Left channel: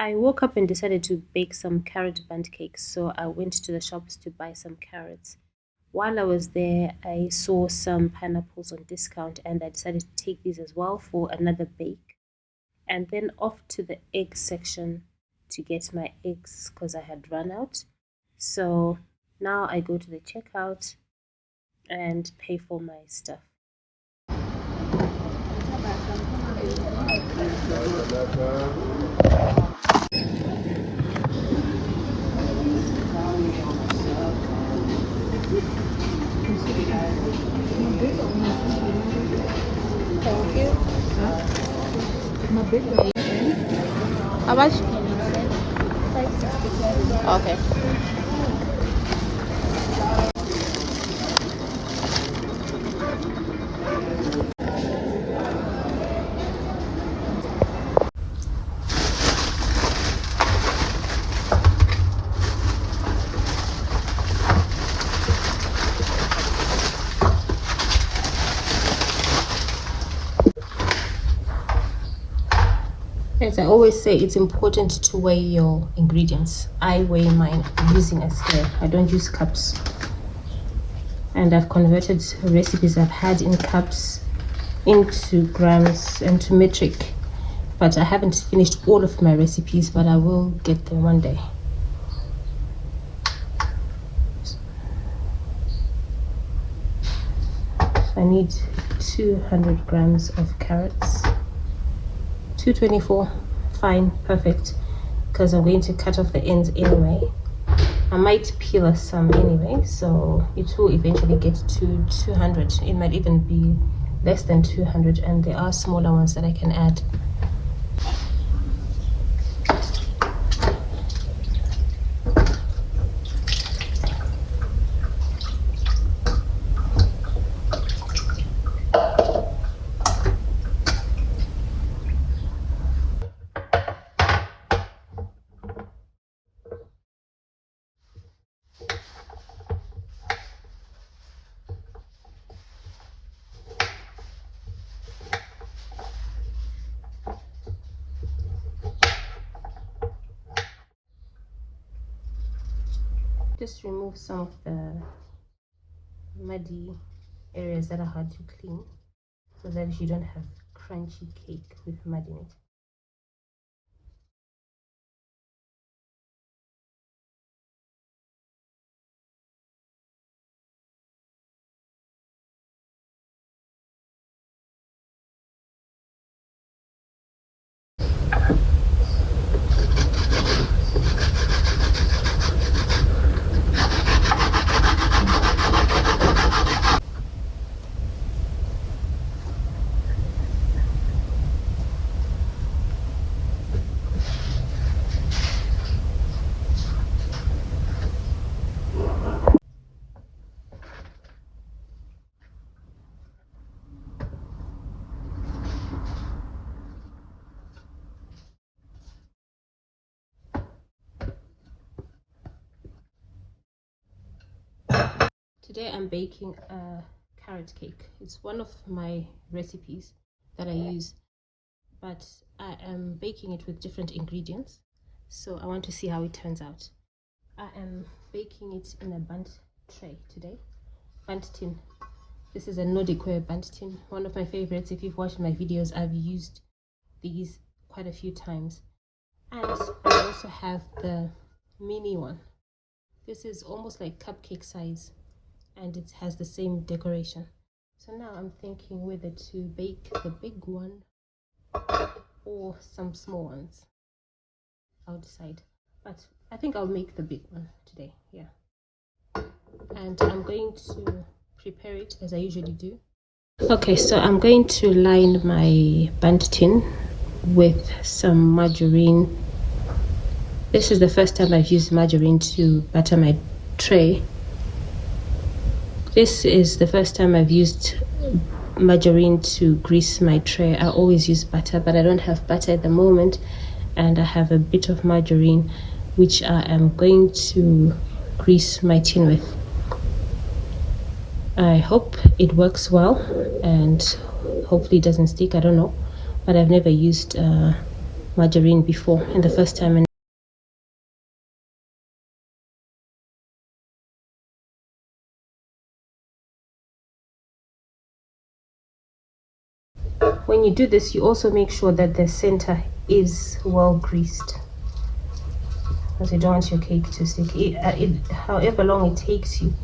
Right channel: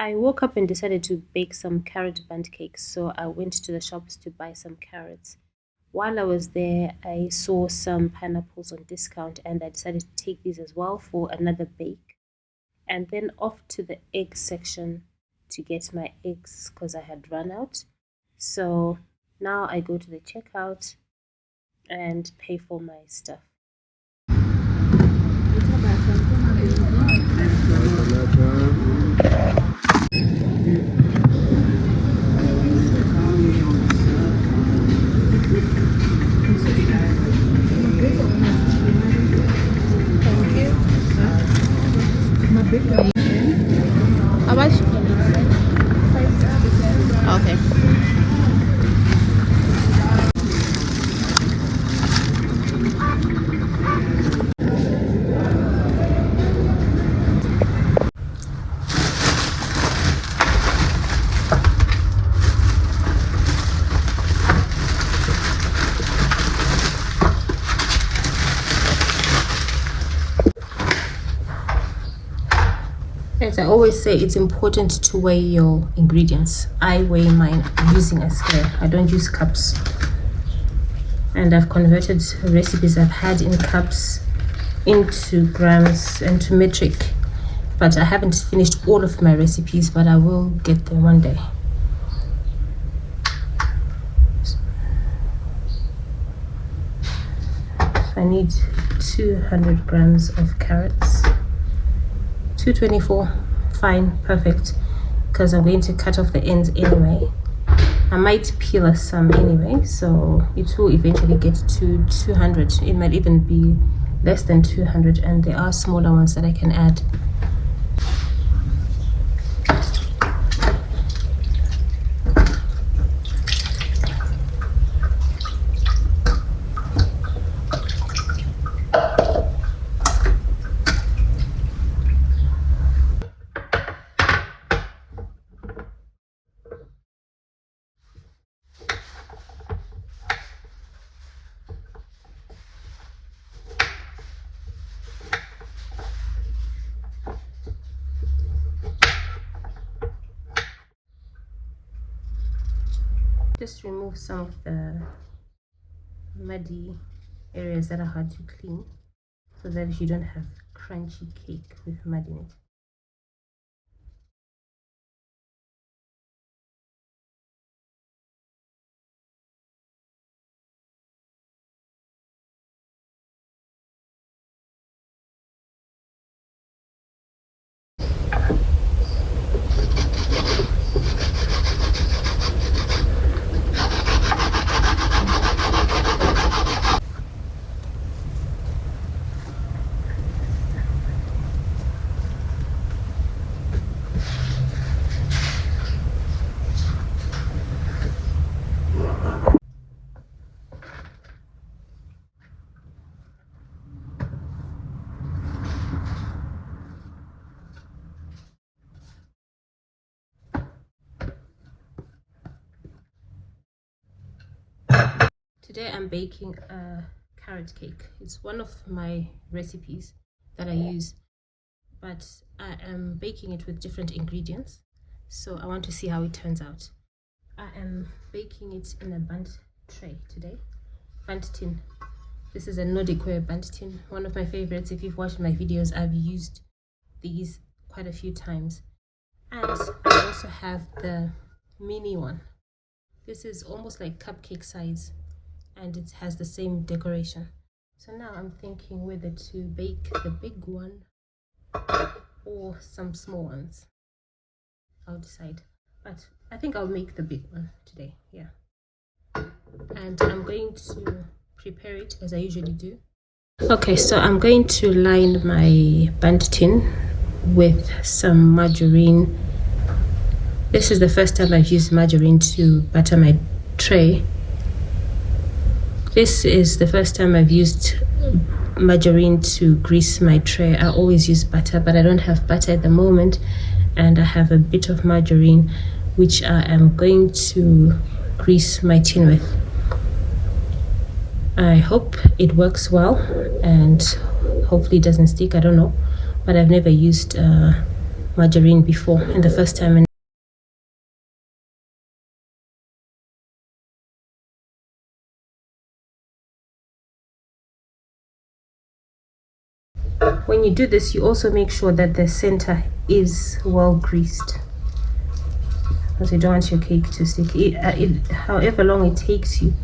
I woke up and decided to bake some carrot bundt cakes, so I went to the shops to buy some carrots. While I was there, I saw some pineapples on discount and I decided to take these as well for another bake. And then off to the egg section to get my eggs because I had run out. So now I go to the checkout and pay for my stuff. Thank you. How much? Okay. As I always say, it's important to weigh your ingredients. I weigh mine using a scale. I don't use cups. And I've converted recipes I've had in cups into grams and to metric. But I haven't finished all of my recipes, but I will get them one day. I need 200 grams of carrots. 224, fine, perfect, because I'm going to cut off the ends anyway. I might peel some anyway, so it will eventually get to 200. It might even be less than 200, and there are smaller ones that I can add. Remove some of the muddy areas that are hard to clean so that you don't have crunchy cake with mud in it. Today I'm baking a carrot cake. It's one of my recipes that I use, but I am baking it with different ingredients, so I want to see how it turns out. I am baking it in a Bundt tray today, Bundt tin. This is a Nordic ware Bundt tin, one of my favorites. If you've watched my videos, I've used these quite a few times. And I also have the mini one. This is almost like cupcake size, and it has the same decoration. So now I'm thinking whether to bake the big one or some small ones. I'll decide, but I think I'll make the big one today. Yeah, and I'm going to prepare it as I usually do. Okay, so I'm going to line my Bundt tin with some margarine. This is the first time I've used margarine to butter my tray. This is the first time I've used margarine to grease my tray. I always use butter, but I don't have butter at the moment, and I have a bit of margarine which I am going to grease my tin with. I hope it works well and hopefully it doesn't stick. I don't know, but I've never used margarine before in the first time. And when you do this, you also make sure that the center is well greased, because you don't want your cake to stick. However long it takes you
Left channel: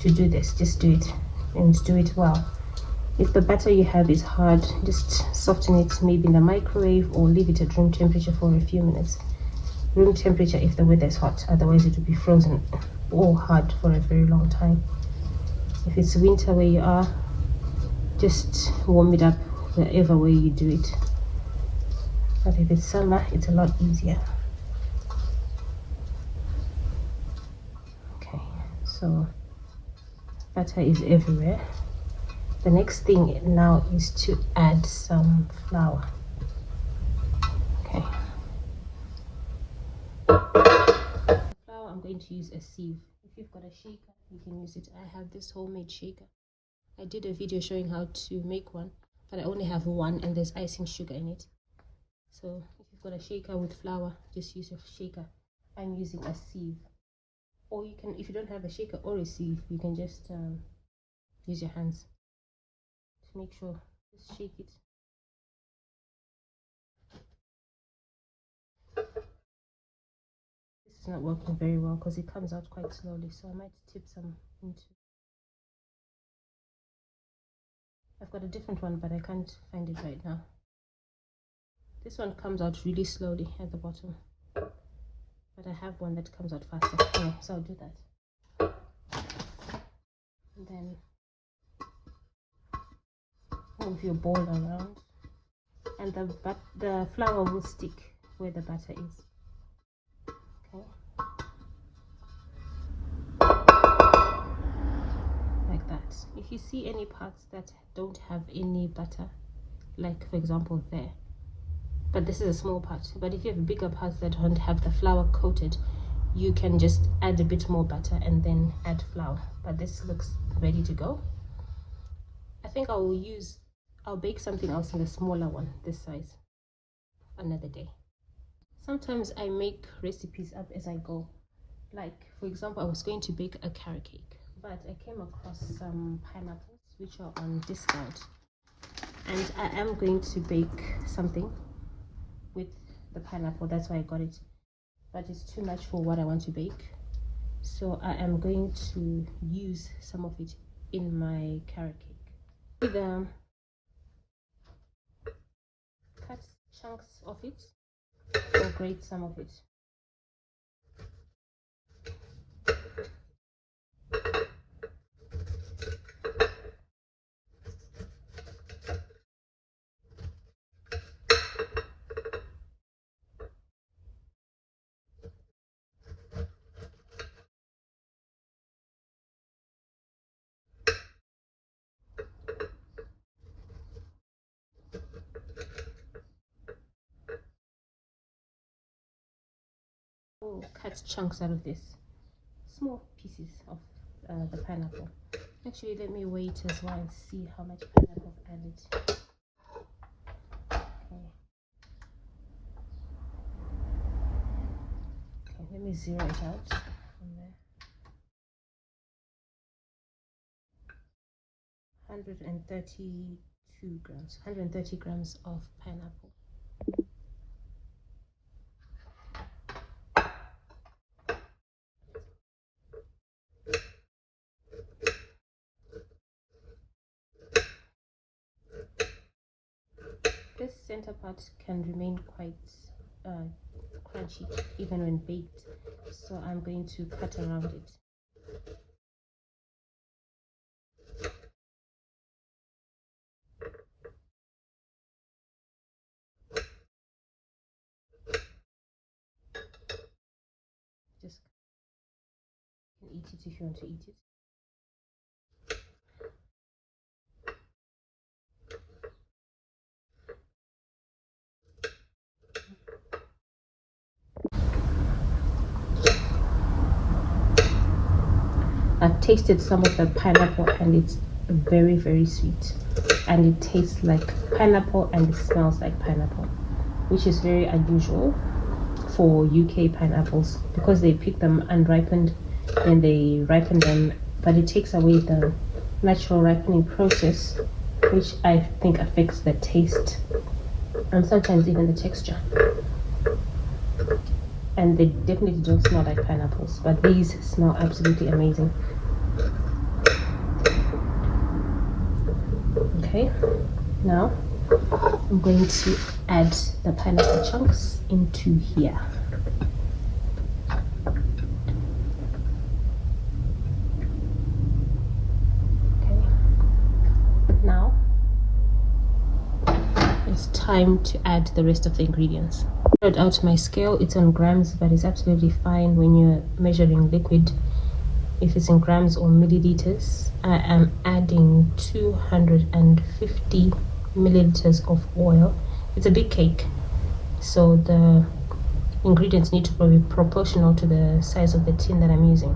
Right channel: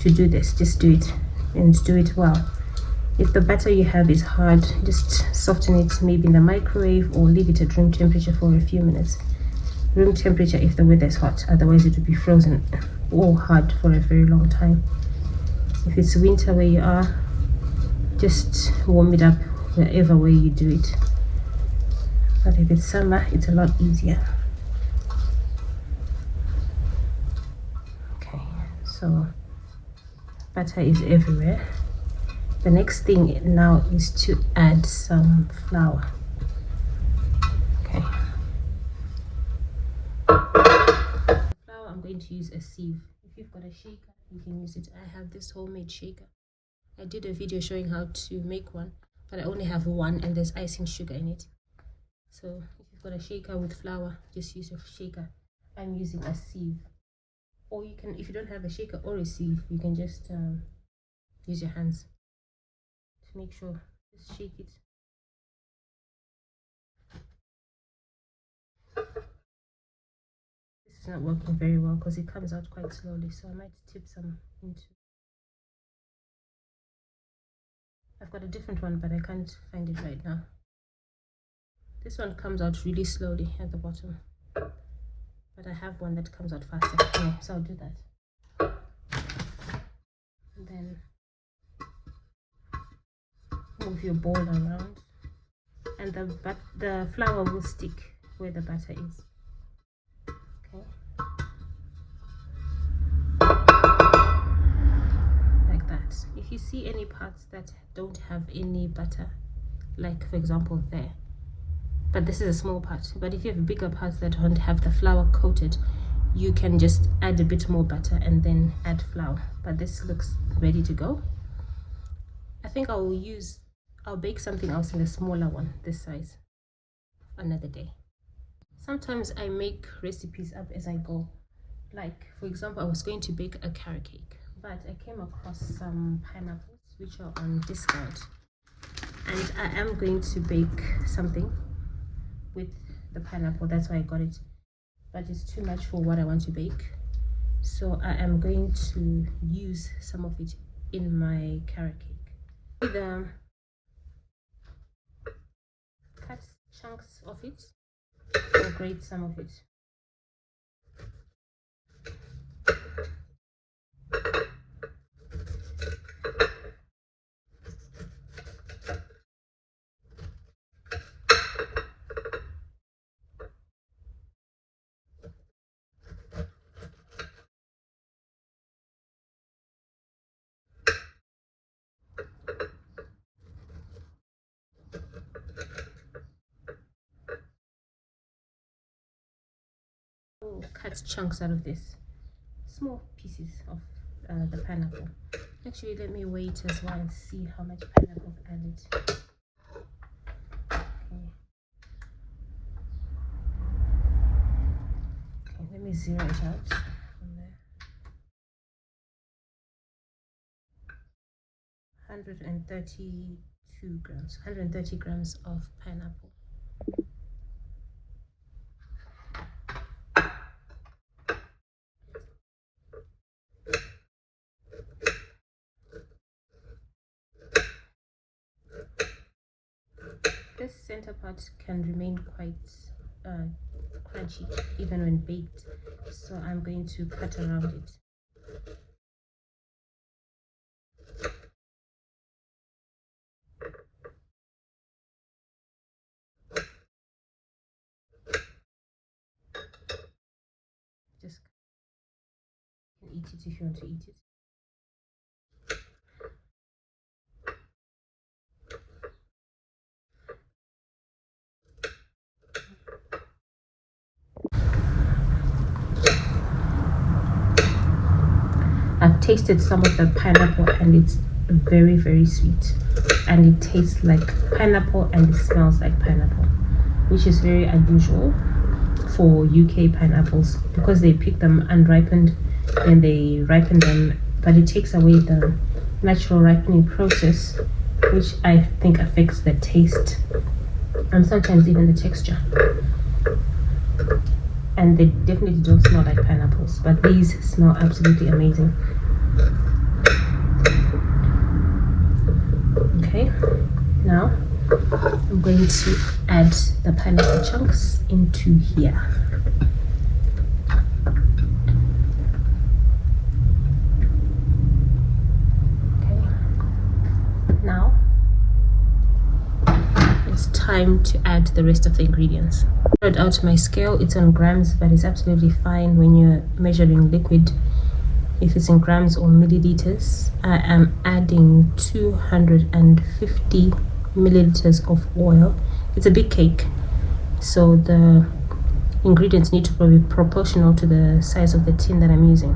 to do this, just do it, and do it well. If the batter you have is hard, just soften it maybe in the microwave or leave it at room temperature for a few minutes. Room temperature if the weather is hot, otherwise it will be frozen or hard for a very long time. If it's winter where you are, just warm it up wherever way you do it. But if it's summer, it's a lot easier. Okay, so butter is everywhere. The next thing now is to add some flour. Okay. Flour, I'm going to use a sieve. If you've got a shaker, you can use it. I have this homemade shaker. I did a video showing how to make one, but I only have one and there's icing sugar in it. So if you've got a shaker with flour, just use a shaker. I'm using a sieve. Or you can, if you don't have a shaker or a sieve, you can just use your hands to make sure. Just shake it. This is not working very well because it comes out quite slowly, so I might tip some into. I've got a different one, but I can't find it right now. This one comes out really slowly at the bottom, but I have one that comes out faster. Okay, so I'll do that. And then move your bowl around, and the flour will stick where the batter is. Okay. Like that. If you see any parts that don't have any butter, like for example there, but this is a small part, but if you have bigger parts that don't have the flour coated, you can just add a bit more butter and then add flour. But this looks ready to go. I think I'll bake something else in a smaller one this size another day. Sometimes I make recipes up as I go. Like for example, I was going to bake a carrot cake, but I came across some pineapples which are on discount, and I am going to bake something with the pineapple. That's why I got it, but it's too much for what I want to bake, so I am going to use some of it in my carrot cake. Cut chunks of it or grate some of it. Cut chunks out of this, small pieces of the pineapple. Actually, let me wait as well and see how much pineapple I've added. Okay, let me zero it out from there. 130 grams of pineapple. This center part can remain quite crunchy even when baked, so I'm going to cut around it. Just eat it if you want to eat it. I've tasted some of the pineapple and it's very sweet, and it tastes like pineapple and it smells like pineapple. which is very unusual for UK pineapples because they pick them unripened and they ripen them, but it takes away the natural ripening process, which I think affects the taste and sometimes even the texture. And they definitely don't smell like pineapples, but these smell absolutely amazing. Okay, now I'm going to add the pineapple chunks into here. Time to add the rest of the ingredients. I wrote out my scale. It's on grams, but it's absolutely fine when you're measuring liquid if it's in grams or milliliters. I am adding 250 milliliters of oil. It's a big cake, so the ingredients need to be proportional to the size of the tin that I'm using.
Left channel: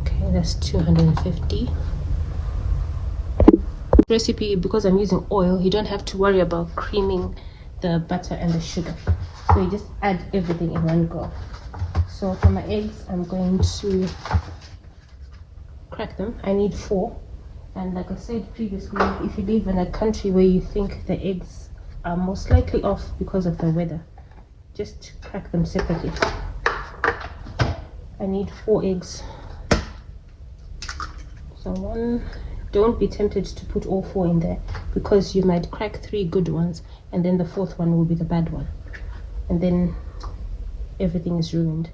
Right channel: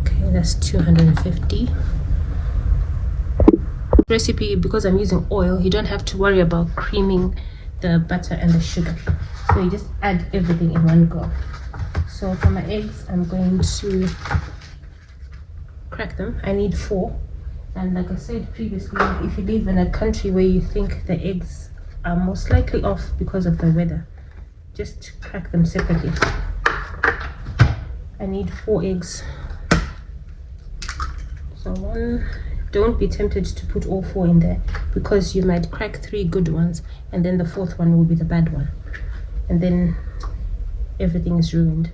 Okay, that's 250. Recipe, because I'm using oil, you don't have to worry about creaming the butter and the sugar, so you just add everything in one go. So for my eggs, I'm going to crack them. I need 4, and like I said previously, if you live in a country where you think the eggs are most likely off because of the weather, just crack them separately. I need 4 eggs. So 1. Don't be tempted to put all 4 in there, because you might crack 3 good ones and then the 4th one will be the bad one, and then everything is ruined.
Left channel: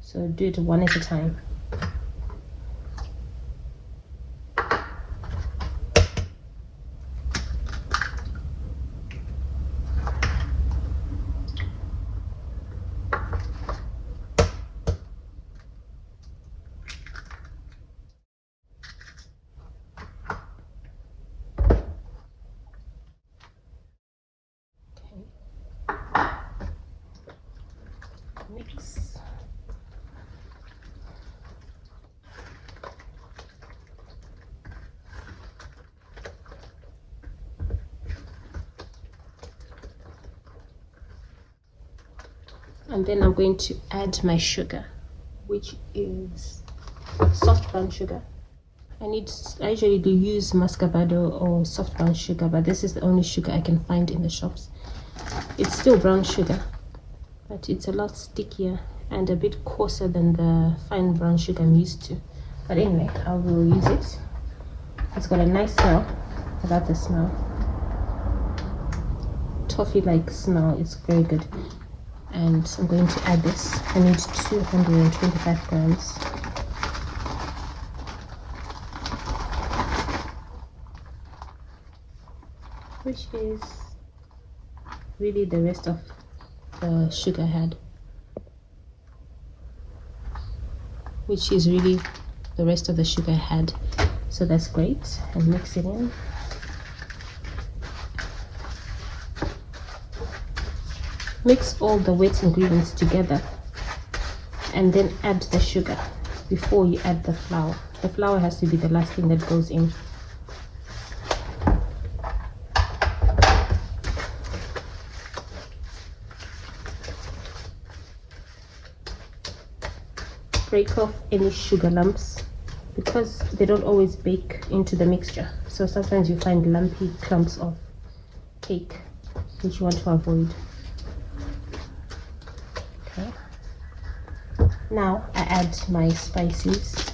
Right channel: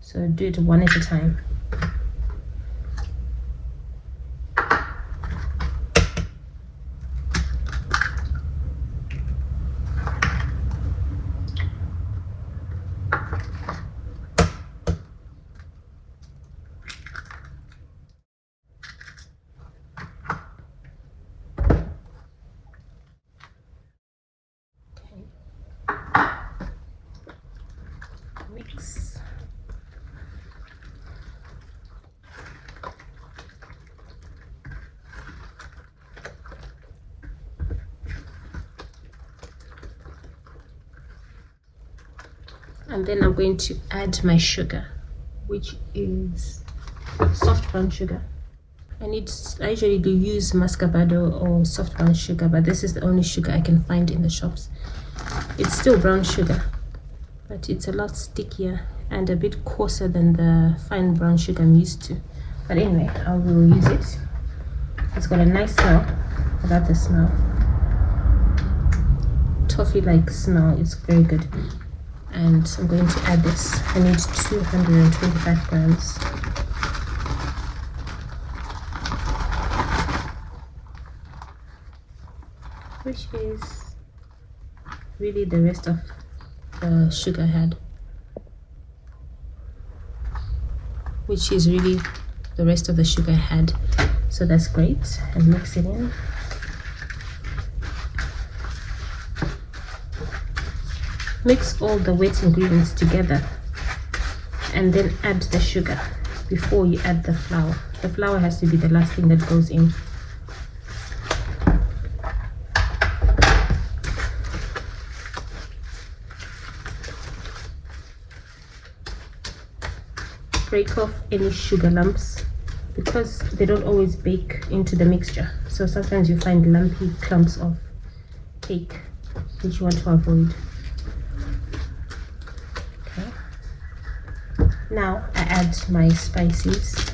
So do it one at a time. And then I'm going to add my sugar, which is soft brown sugar. I usually do use muscovado or soft brown sugar, but this is the only sugar I can find in the shops. It's still brown sugar, but it's a lot stickier and a bit coarser than the fine brown sugar I'm used to. But anyway, I will use it. It's got a nice smell. I got the smell. Toffee-like smell. It's very good. And I'm going to add this. I need 225 grams. Which is really the rest of the sugar I had. Which is really the rest of the sugar I had. So that's great. And mix it in. Mix all the wet ingredients together and then add the sugar before you add the flour. The flour has to be the last thing that goes in. Break off any sugar lumps because they don't always bake into the mixture. So sometimes you find lumpy clumps of cake, which you want to avoid. Now I add my spices.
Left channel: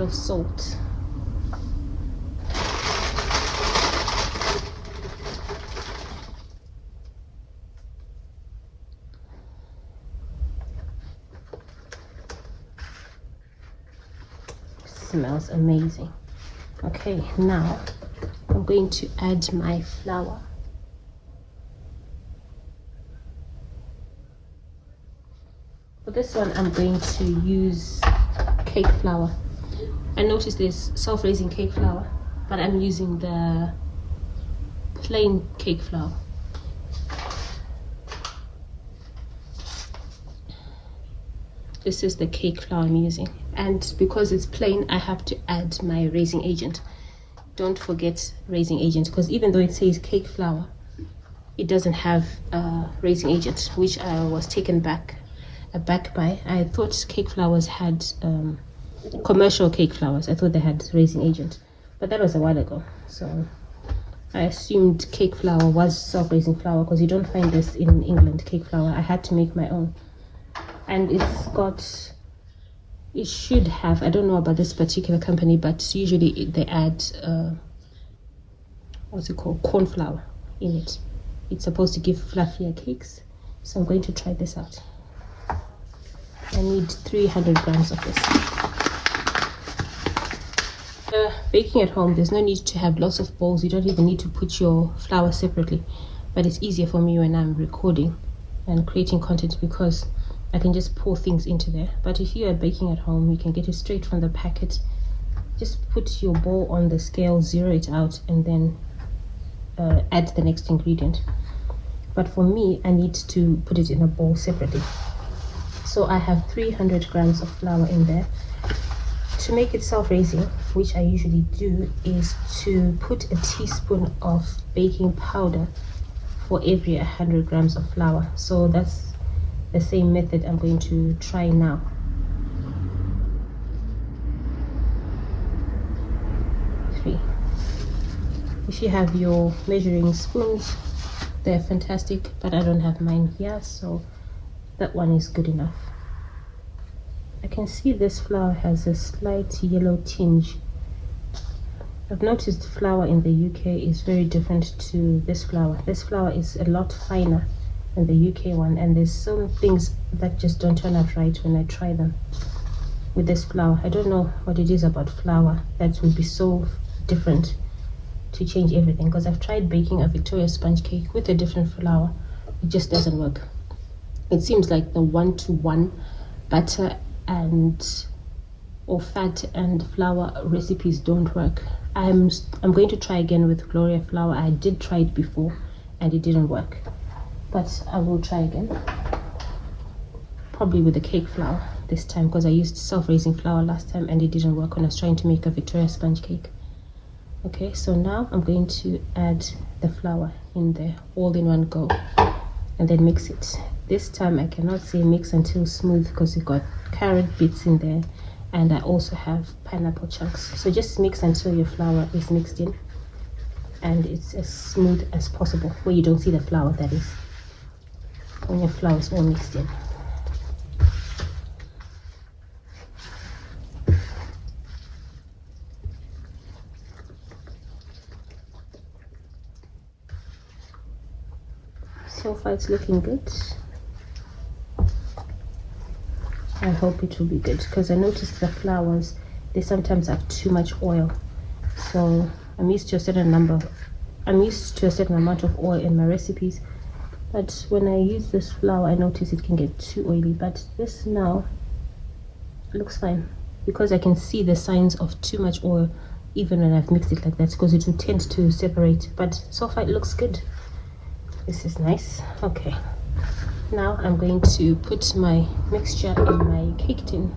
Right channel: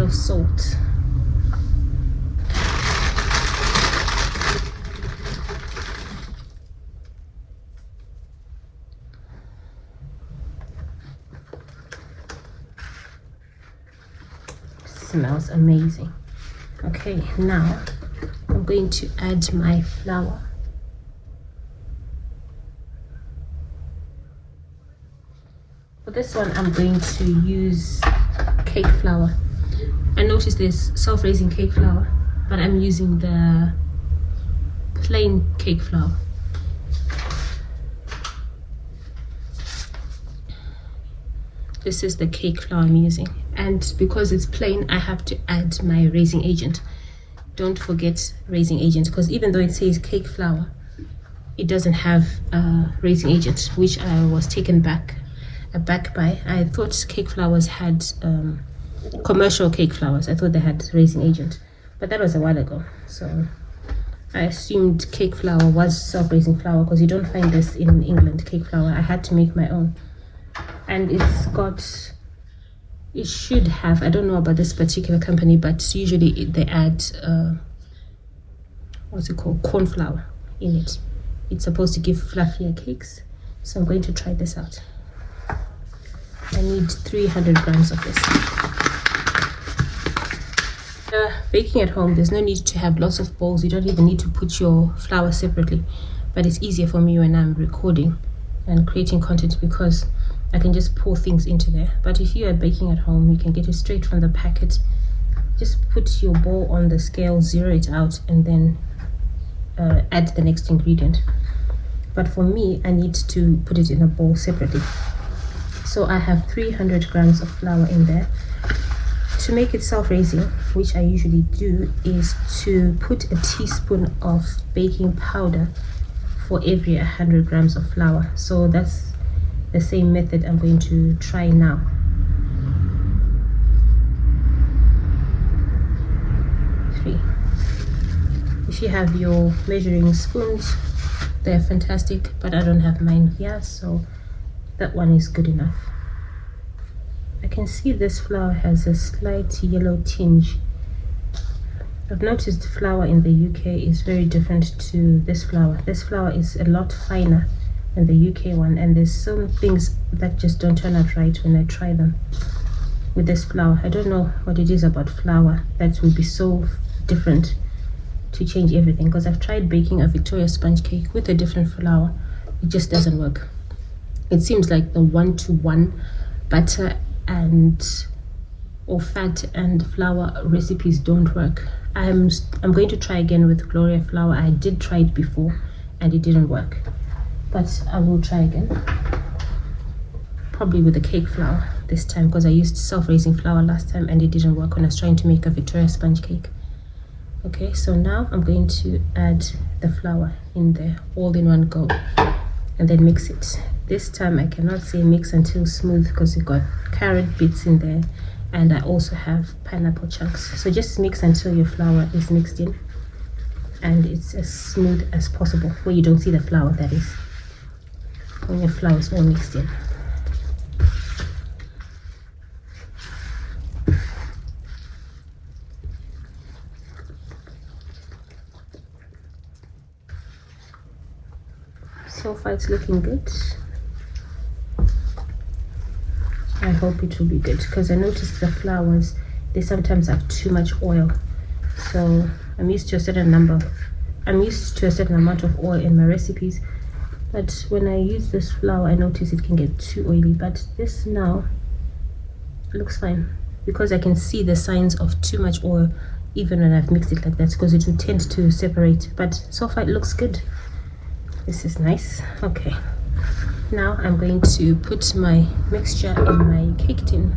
Of salt. Smells amazing. Okay, now I'm going to add my flour. one I'm going to use cake flour. I noticed there's self-raising cake flour, but I'm using the plain cake flour. This is the cake flour I'm using, and because it's plain, I have to add my raising agent. Don't forget raising agent, because even though it says cake flour, it doesn't have raising agent, which I was taken back by. I thought cake flours had commercial cake flours. I thought they had raising agent, but that was a while ago. So I assumed cake flour was self-raising flour, because you don't find this in England, cake flour. I had to make my own, and it should have, I don't know about this particular company, but usually they add what's it called, corn flour in it. It's supposed to give fluffier cakes. So I'm going to try this out. I need 300 grams of this. Baking at home, there's no need to have lots of bowls. You don't even need to put your flour separately, but it's easier for me when I'm recording and creating content, because I can just pour things into there. But if you are baking at home, you can get it straight from the packet. Just put your bowl on the scale, zero it out, and then add the next ingredient. But for me, I need to put it in a bowl separately. So I have 300 grams of flour in there. To make it self-raising, which I usually do, is to put a teaspoon of baking powder for every 100 grams of flour. So that's the same method I'm going to try now. If you have your measuring spoons, they're fantastic, but I don't have mine here, so that one is good enough. I can see this flour has a slight yellow tinge. I've noticed flour in the UK is very different to this flour. This flour is a lot finer than the UK one, and there's some things that just don't turn out right when I try them with this flour. I don't know what it is about flour that would be so different to change everything, because I've tried baking a Victoria sponge cake with a different flour. It just doesn't work. It seems like the 1-to-1 butter or fat and flour recipes don't work. I'm going to try again with Gloria flour. I did try it before and it didn't work, but I will try again, probably with the cake flour this time, because I used self-raising flour last time and it didn't work when I was trying to make a Victoria sponge cake. Okay, so now I'm going to add the flour in there all in one go and then mix it. This time I cannot say mix until smooth, because it got carrot bits in there and I also have pineapple chunks. So just mix until your flour is mixed in and it's as smooth as possible, where you don't see the flour, that is, when your flour is all mixed in. So far it's looking good. I hope it will be good, because I noticed the flours, they sometimes have too much oil. So I'm used to a certain amount of oil in my recipes, but when I use this flour, I notice it can get too oily. But this now looks fine, because I can see the signs of too much oil even when I've mixed it like that, because it will tend to separate. But so far it looks good. This is nice. Okay, now I'm going to put my mixture in my cake tin.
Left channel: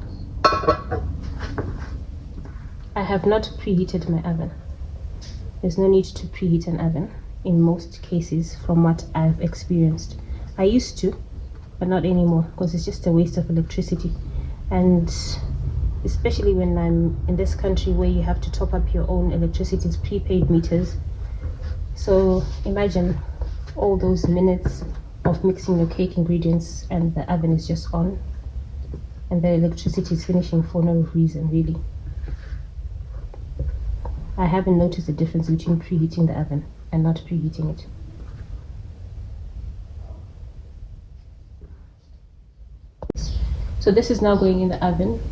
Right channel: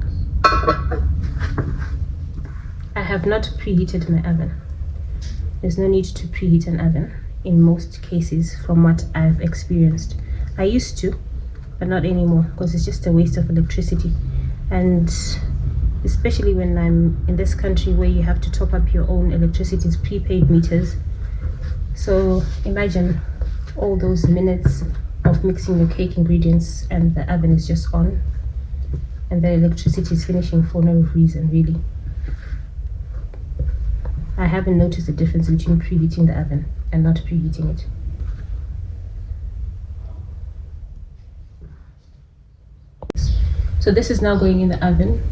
I have not preheated my oven. There's no need to preheat an oven in most cases, from what I've experienced. I used to, but not anymore, because it's just a waste of electricity. And especially when I'm in this country where you have to top up your own electricity's prepaid meters. So imagine all those minutes of mixing your cake ingredients and the oven is just on and the electricity is finishing for no reason, really. I haven't noticed the difference between preheating the oven and not preheating it. So this is now going in the oven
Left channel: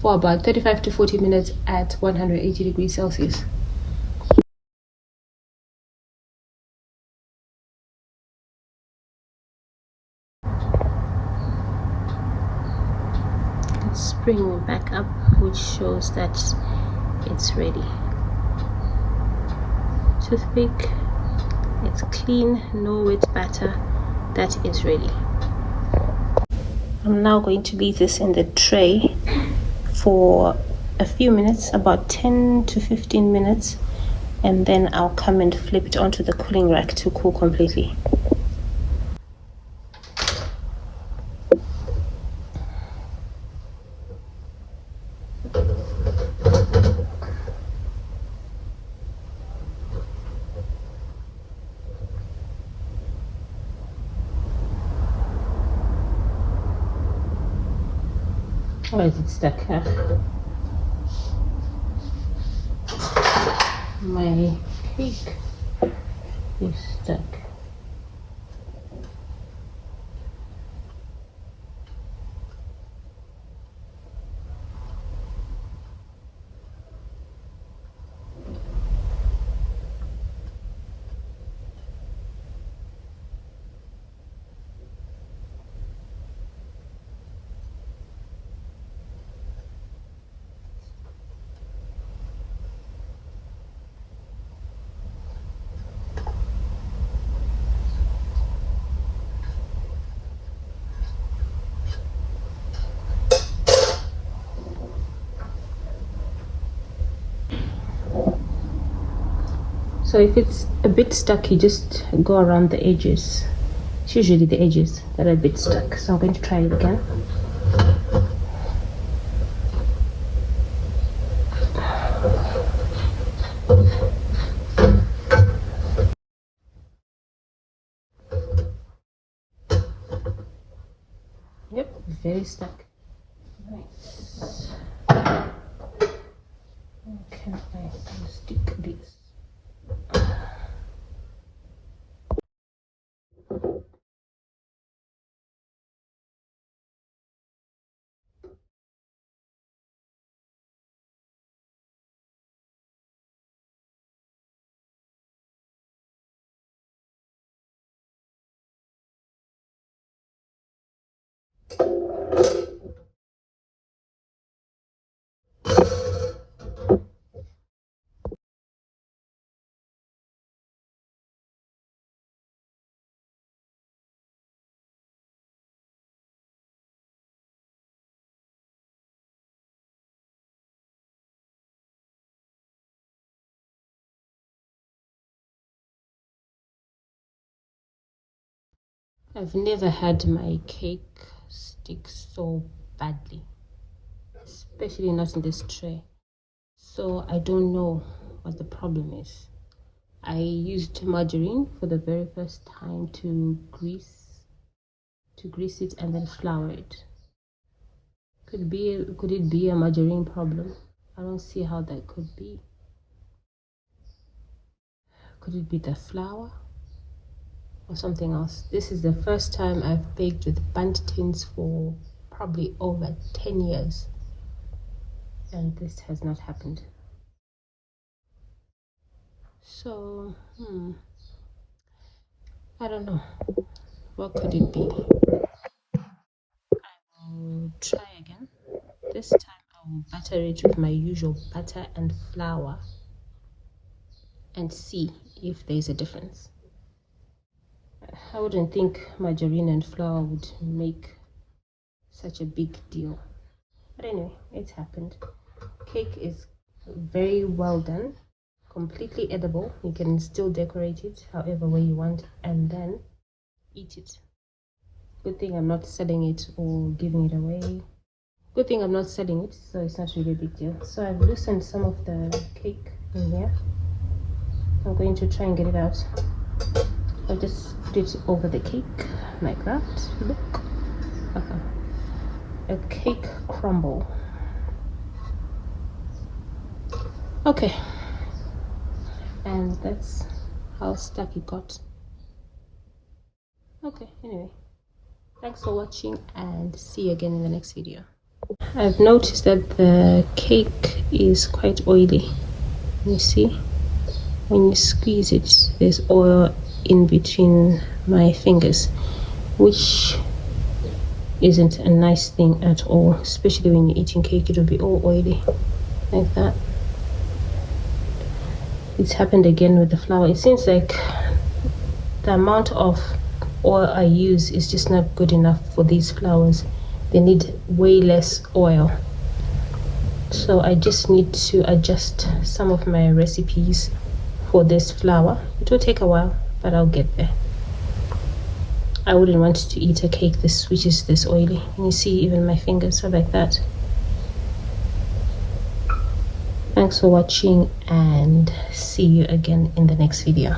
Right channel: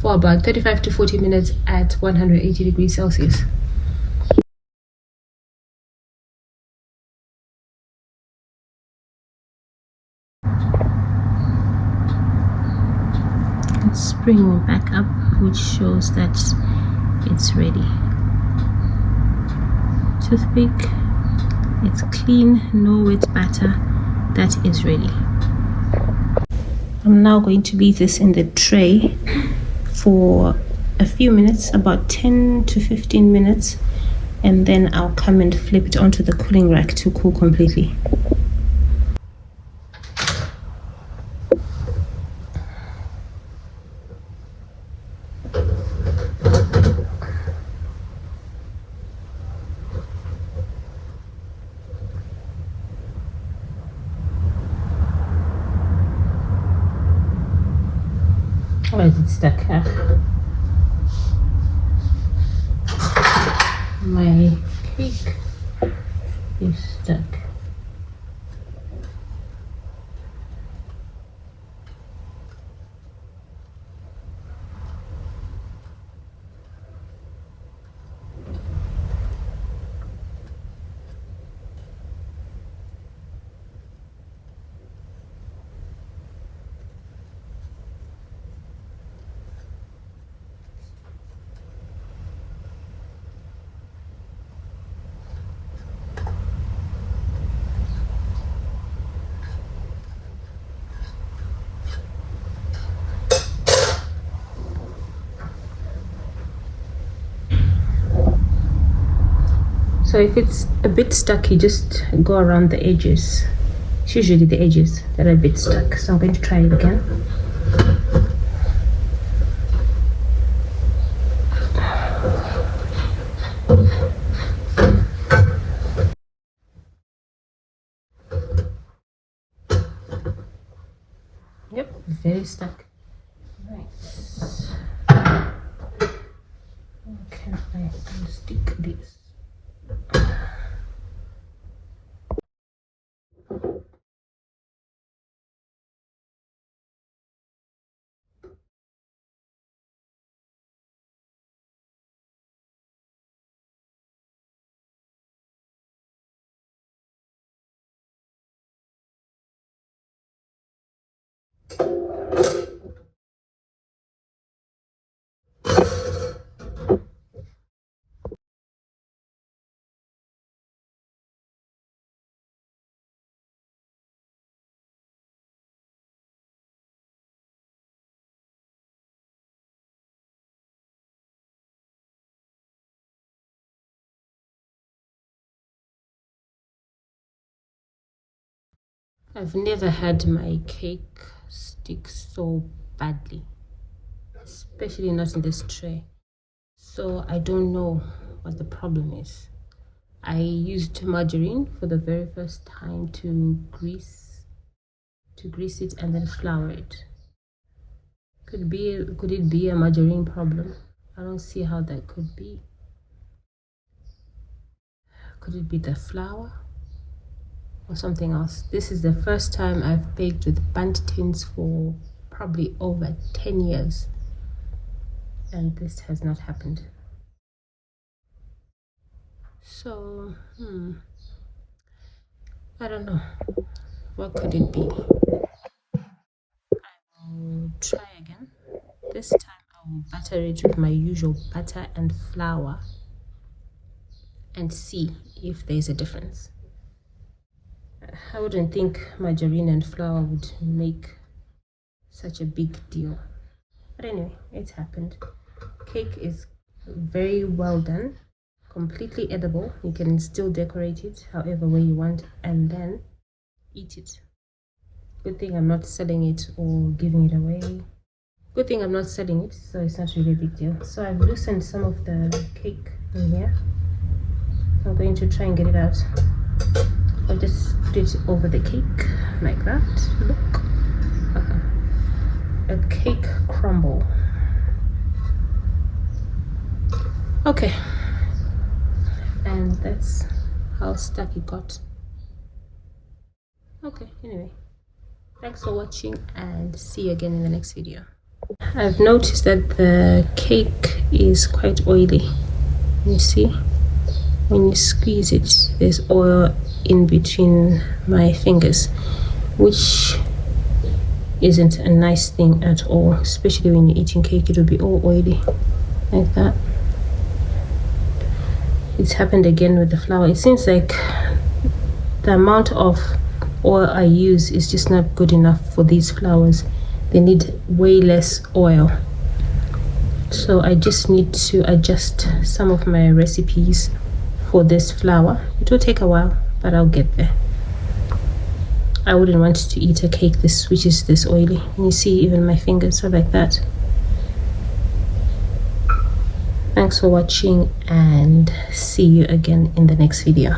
for about 35 to 40 minutes at 180 degrees Celsius. spring back up, which shows that it's ready. Toothpick, it's clean, no wet batter, that is ready. I'm now going to leave this in the tray for a few minutes, about 10 to 15 minutes, and then I'll come and flip it onto the cooling rack to cool completely. Why is it stuck here? My cake is stuck. So if it's a bit stuck, you just go around the edges. It's usually the edges that are a bit stuck. So I'm going to try it again. Yep, very stuck. Nice. Can I unstick this? I've never had my cake stick so badly, especially not in this tray. So I don't know what the problem is. I used margarine for the very first time to grease it and then flour it. Could it be a margarine problem? I don't see how that could be. Could it be the flour or something else? This is the first time I've baked with Bundt tins for probably over 10 years, and this has not happened. So I don't know, what could it be? I will try again. This time I will butter it with my usual butter and flour and see if there's a difference. I wouldn't think margarine and flour would make such a big deal, but anyway, it's happened. Cake is very well done, completely edible. You can still decorate it however way you want and then eat it. Good thing I'm not selling it or giving it away. Good thing I'm not selling it, so it's not really a big deal. So I've loosened some of the cake in here. I'm going to try and get it out. I'll just put it over the cake like that. Look, a cake crumble. Okay, and that's how stuck it got. Okay, anyway, thanks for watching and see you again in the next video. I've noticed that the cake is quite oily. You see, when you squeeze it, there's oil in between my fingers, which isn't a nice thing at all, especially when you're eating cake. It will be all oily like that. It's happened again with the flour. It seems like the amount of oil I use is just not good enough for these flours. They need way less oil. So I just need to adjust some of my recipes for this flour. It will take a while, but I'll get there. I wouldn't want to eat a cake which is this oily. And you see, even my fingers are like that. Thanks for watching, and see you again in the next video.